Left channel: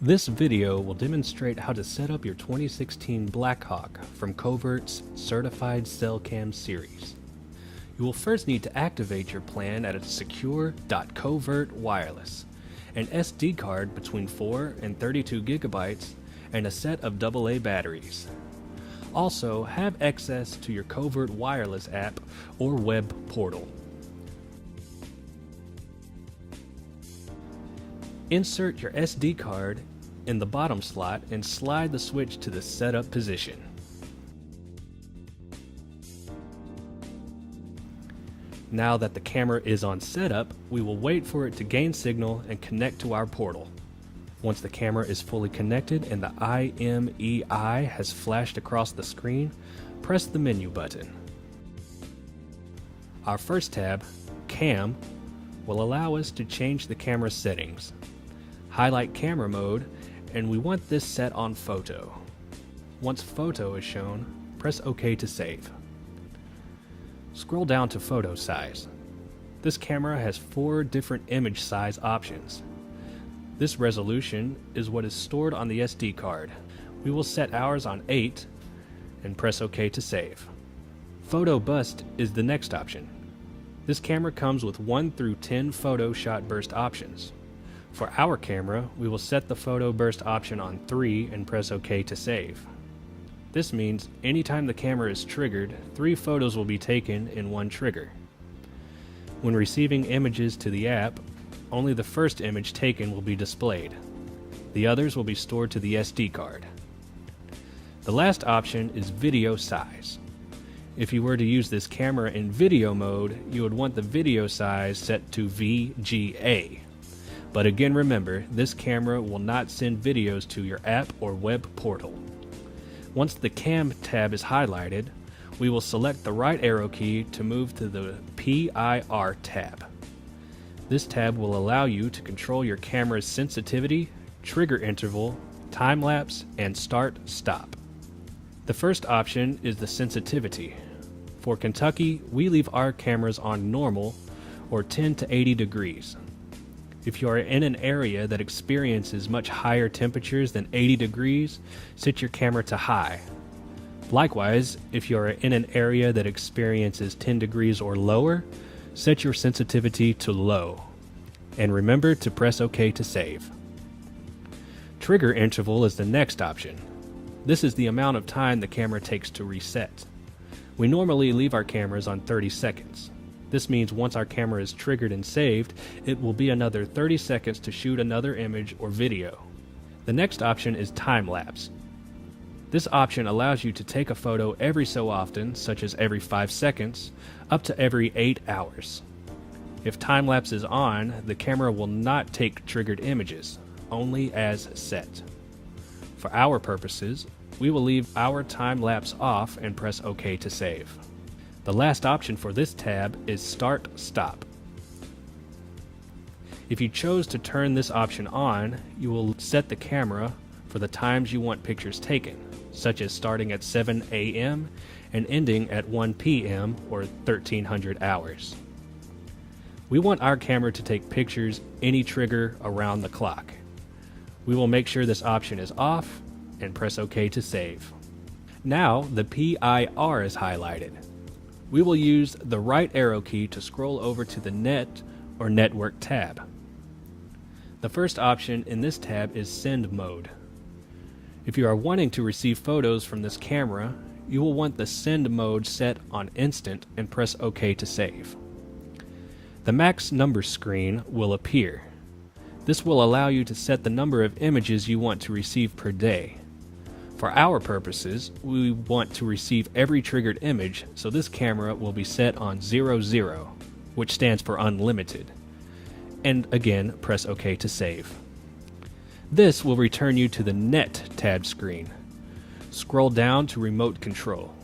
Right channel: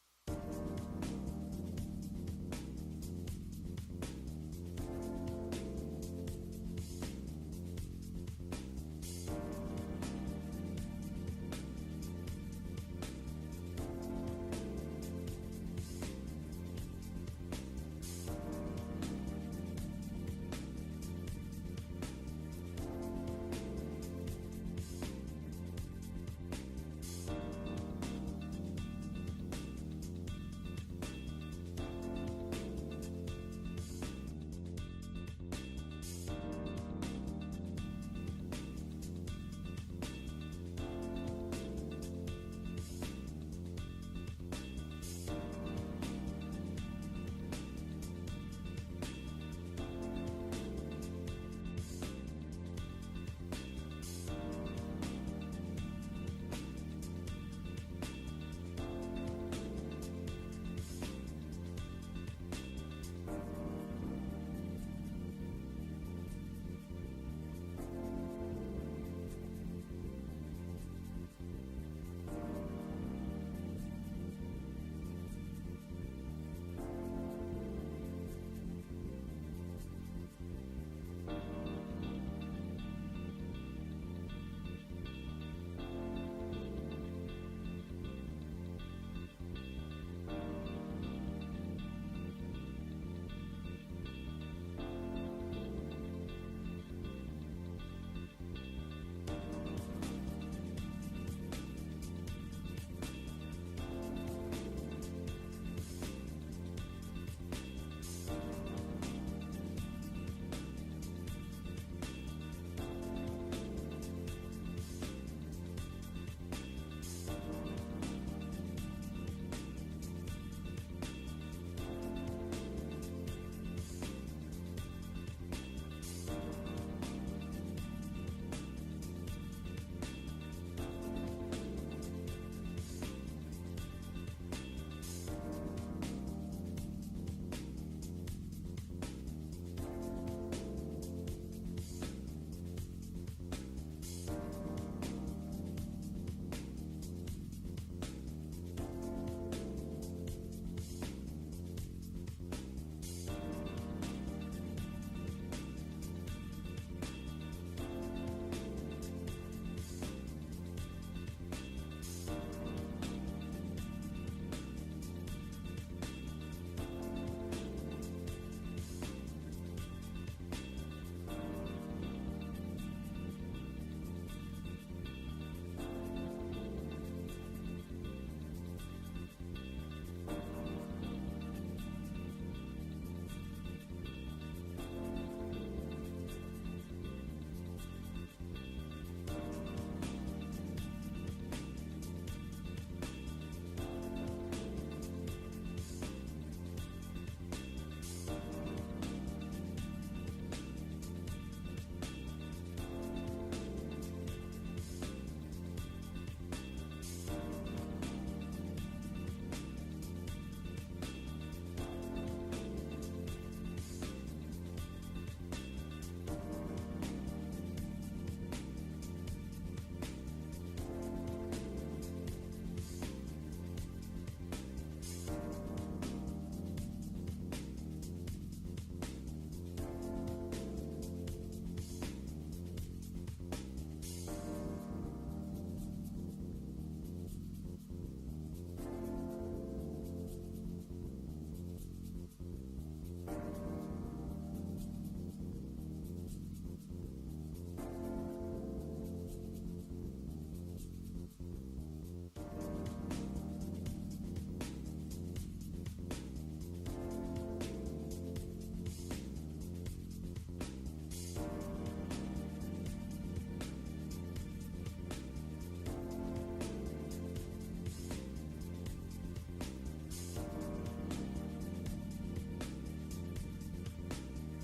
This video will demonstrate how to set up your 2016 BlackHawk from Covert's Certified Cell Cam series. You will first need to activate your plan at a secure.covert wireless, an SD card between 4 and 32 gigabytes, and a set of AA batteries. Also, have access to your Covert wireless app or web portal. Insert your SD card in the bottom slot and slide the switch to the setup position. Now that the camera is on setup, we will wait for it to gain signal and connect to our portal. Once the camera is fully connected and the IMEI has flashed across the screen, press the menu button. Our first tab, Cam, will allow us to change the camera settings. Highlight camera mode, and we want this set on photo. Once photo is shown, press OK to save. Scroll down to photo size. This camera has 4 different image size options. This resolution is what is stored on the SD card. We will set ours on 8 and press OK to save. Photo bust is the next option. This camera comes with 1 through 10 photo shot burst options. For our camera, we will set the photo burst option on 3 and press OK to save. This means anytime the camera is triggered, 3 photos will be taken in one trigger. When receiving images to the app, only the first image taken will be displayed. The others will be stored to the SD card. The last option is video size. If you were to use this camera in video mode, you would want the video size set to VGA. But again, remember, this camera will not send videos to your app or web portal. Once the Cam tab is highlighted, we will select the right arrow key to move to the PIR tab. This tab will allow you to control your camera's sensitivity, trigger interval, time lapse, and start-stop. The first option is the sensitivity. For Kentucky, we leave our cameras on normal or 10 to 80 degrees. If you are in an area that experiences much higher temperatures than 80 degrees, set your camera to high. Likewise, if you are in an area that experiences 10 degrees or lower, set your sensitivity to low. And remember to press OK to save. Trigger interval is the next option. This is the amount of time the camera takes to reset. We normally leave our cameras on 30 seconds. This means once our camera is triggered and saved, it will be another 30 seconds to shoot another image or video. The next option is time lapse. This option allows you to take a photo every so often, such as every 5 seconds, up to every 8 hours. If time lapse is on, the camera will not take triggered images, only as set. For our purposes, we will leave our time lapse off and press OK to save. The last option for this tab is Start-Stop. If you chose to turn this option on, you will set the camera for the times you want pictures taken, such as starting at 7 a.m. and ending at 1 p.m. or 1300 hours. We want our camera to take pictures any trigger around the clock. We will make sure this option is off and press OK to save. Now the PIR is highlighted. We will use the right arrow key to scroll over to the Net or Network tab. The first option in this tab is Send mode. If you are wanting to receive photos from this camera, you will want the Send mode set on Instant and press OK to save. The max number screen will appear. This will allow you to set the number of images you want to receive per day. For our purposes, we want to receive every triggered image, so this camera will be set on 00, which stands for unlimited. And again, press OK to save. This will return you to the Net tab screen. Scroll down to Remote Control.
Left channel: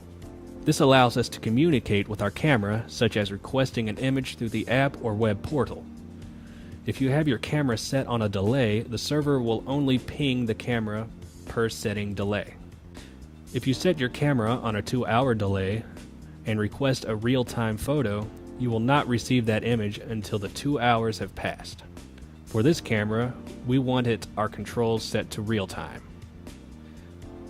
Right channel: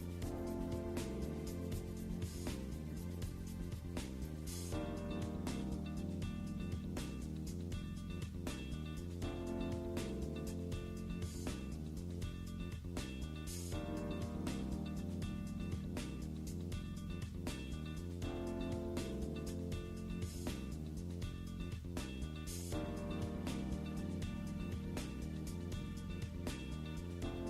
This allows us to communicate with our camera, such as requesting an image through the app or web portal. If you have your camera set on a delay, the server will only ping the camera per setting delay. If you set your camera on a 2-hour delay and request a real-time photo, you will not receive that image until the 2 hours have passed. For this camera, we wanted our controls set to real time.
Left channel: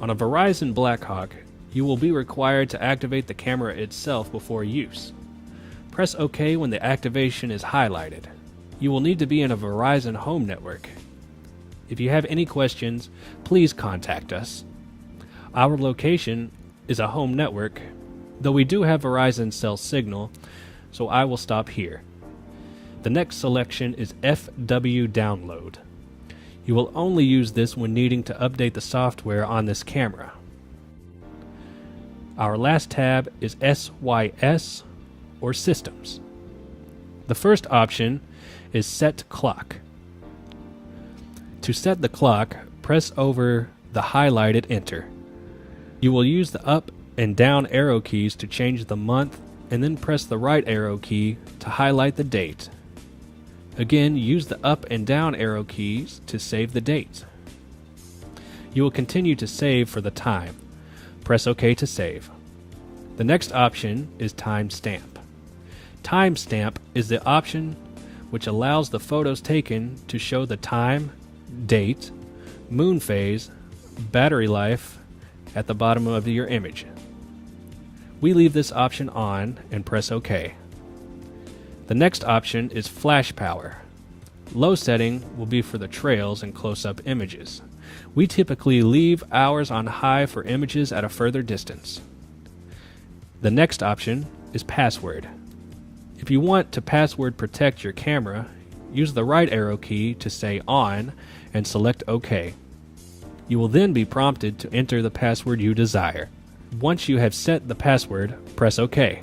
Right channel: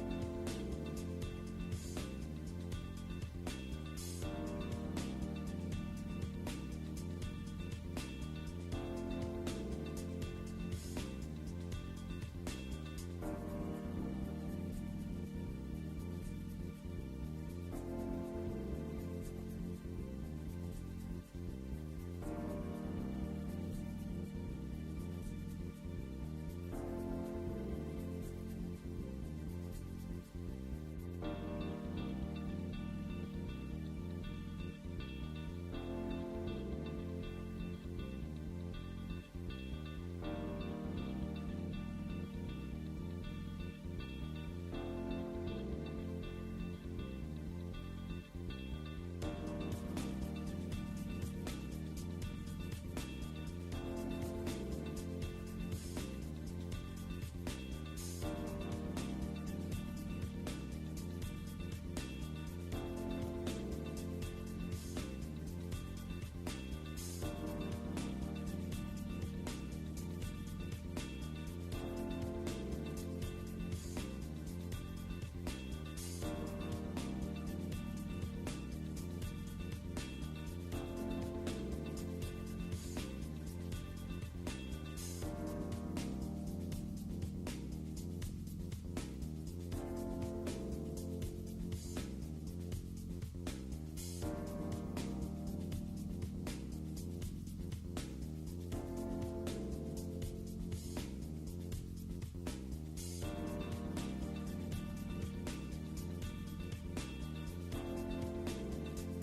On a Verizon BlackHawk, you will be required to activate the camera itself before use. Press OK when the activation is highlighted. You will need to be in a Verizon home network. If you have any questions, please contact us. Our location is a home network, though we do have Verizon cell signal, so I will stop here. The next selection is FW Download. You will only use this when needing to update the software on this camera. Our last tab is SYS or Systems. The first option is Set Clock. To set the clock, press over the highlighted Enter. You will use the up and down arrow keys to change the month, and then press the right arrow key to highlight the date. Again, use the up and down arrow keys to save the date. You will continue to save for the time. Press OK to save. The next option is Timestamp. Timestamp is the option which allows the photos taken to show the time, date, moon phase, battery life at the bottom of your image. We leave this option on and press OK. The next option is Flash Power. Low setting will be for the trails and close-up images. We typically leave ours on high for images at a further distance. The next option is Password. If you want to password protect your camera, use the right arrow key to say On and select OK. You will then be prompted to enter the password you desire. Once you have set the password, press OK.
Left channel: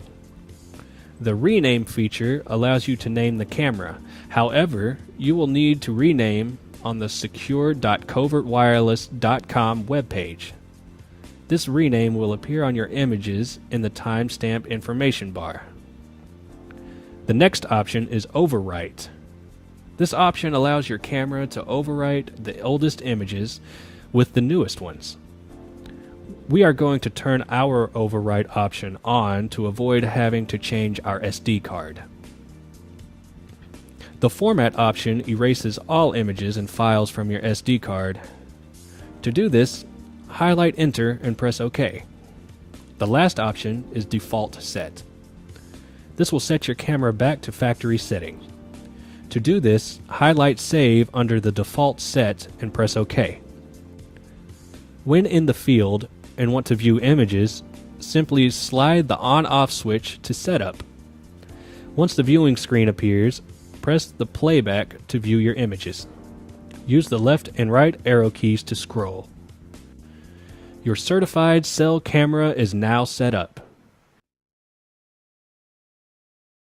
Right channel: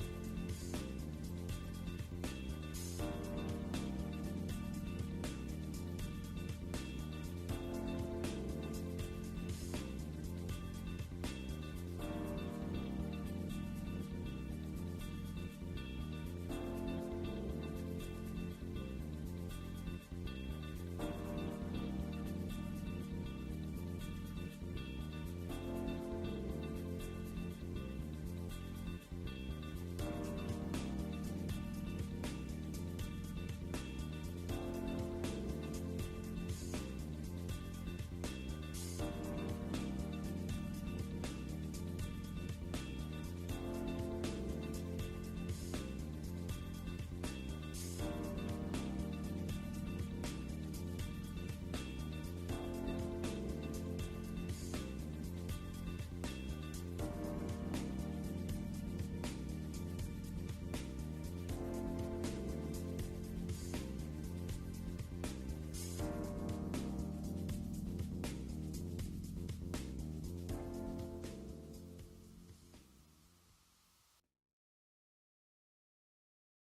The rename feature allows you to name the camera. However, you will need to rename on the secure.covertwireless.com webpage. This rename will appear on your images in the timestamp information bar. The next option is Overwrite. This option allows your camera to overwrite the oldest images with the newest ones. We are going to turn our overwrite option on to avoid having to change our SD card. The format option erases all images and files from your SD card. To do this, highlight Enter and press OK. The last option is Default Set. This will set your camera back to factory setting. To do this, highlight Save under the default set and press OK. When in the field and want to view images, simply slide the on-off switch to setup. Once the viewing screen appears, press the playback to view your images. Use the left and right arrow keys to scroll. Your certified cell camera is now set up.